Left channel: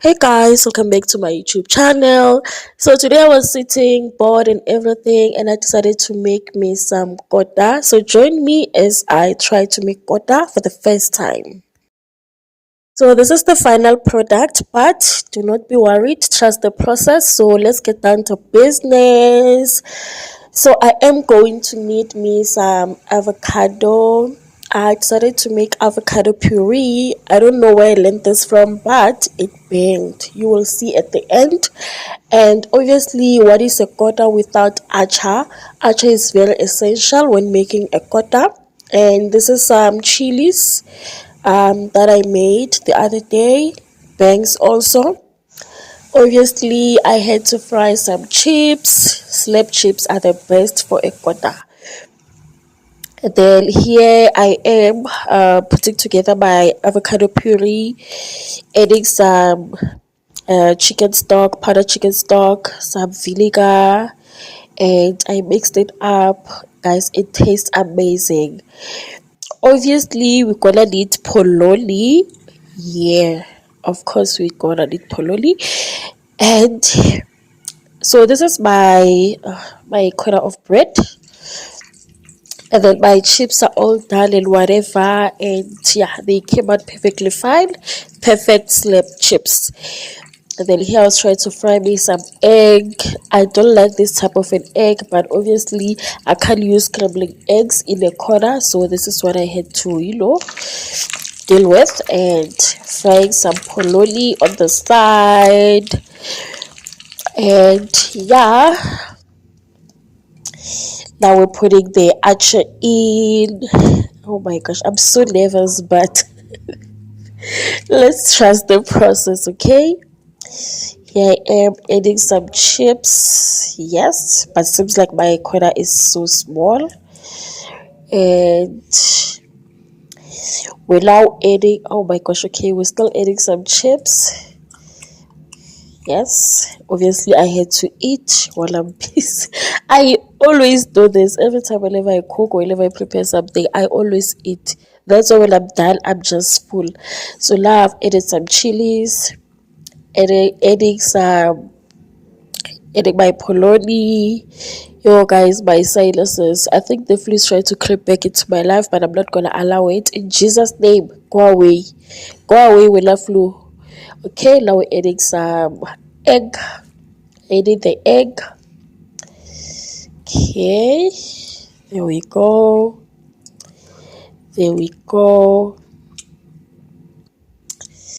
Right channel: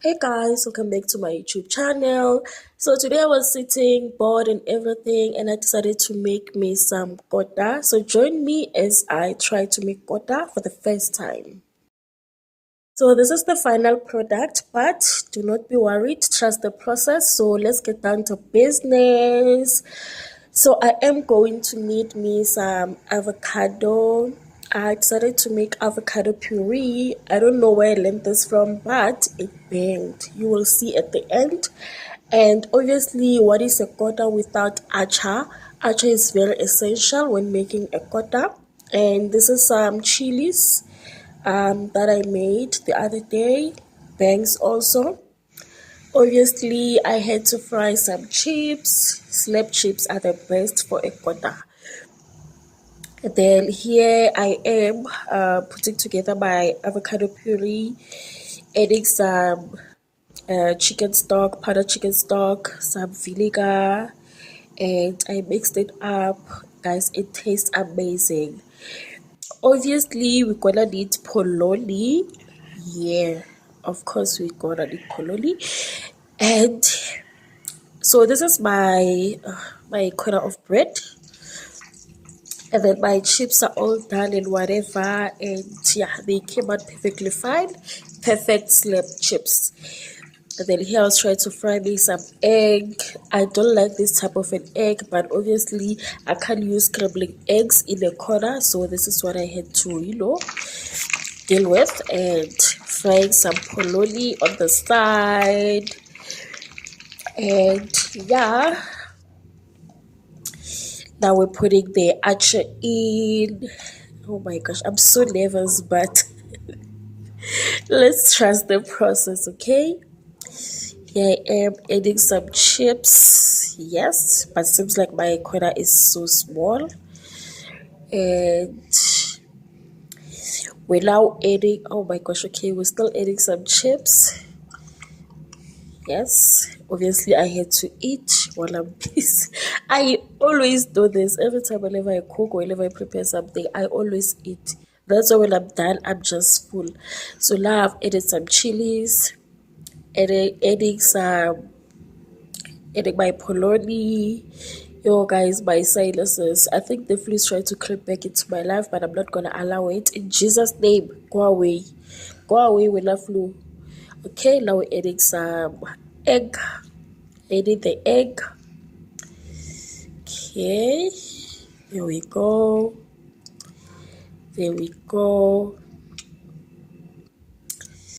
Hey guys, welcome back to my YouTube channel. So today I was sitting bored and everything, and I decided to make me some kota. So join me as I try to make kota for the first time. So this is the final product, but do not be worried, trust the process. So let's get down to business. So I am going to need me some avocado. I decided to make avocado puree. I don't know where I learned this from, but it banged. You will see at the end. And obviously, what is a kota without acha? Acha is very essential when making a kota. And this is some chilies that I made the other day. Bangs also. Obviously, I had to fry some chips. Slab chips are the best for a kota. Then here I am putting together my avocado puree, adding some chicken stock, powdered chicken stock, some vinegar, and I mixed it up. Guys, it tastes amazing. Obviously, we're gonna need pololi. Yeah, of course, we're gonna need pololi. And so this is my corner of bread, and then my chips are all done and whatever, and yeah, they came out perfectly fine. Perfect slab chips. And then here I was trying to fry me some egg. I don't like this type of an egg, but obviously I can't use scrambling eggs in the corner, so this is what I had to deal with. And frying some pololi on the side. And yeah, now we're putting the acha in. Oh my gosh, I'm so nervous, but let's trust the process, okay? Here I am adding some chips. Yes, but seems like my corner is so small. And we're now adding, oh my gosh, okay, we're still adding some chips. Yes, obviously I had to eat while I'm busy. I always do this every time whenever I cook or whenever I prepare something. I always eat. That's why when I'm done, I'm just full. So now I've added some chilies, adding my polony. Yo guys, my sinuses. I think the flu is trying to creep back into my life, but I'm not gonna allow it. In Jesus' name, go away. Go away with the flu. Okay, now we're adding some egg. Adding the egg. Okay. There we go. There we go.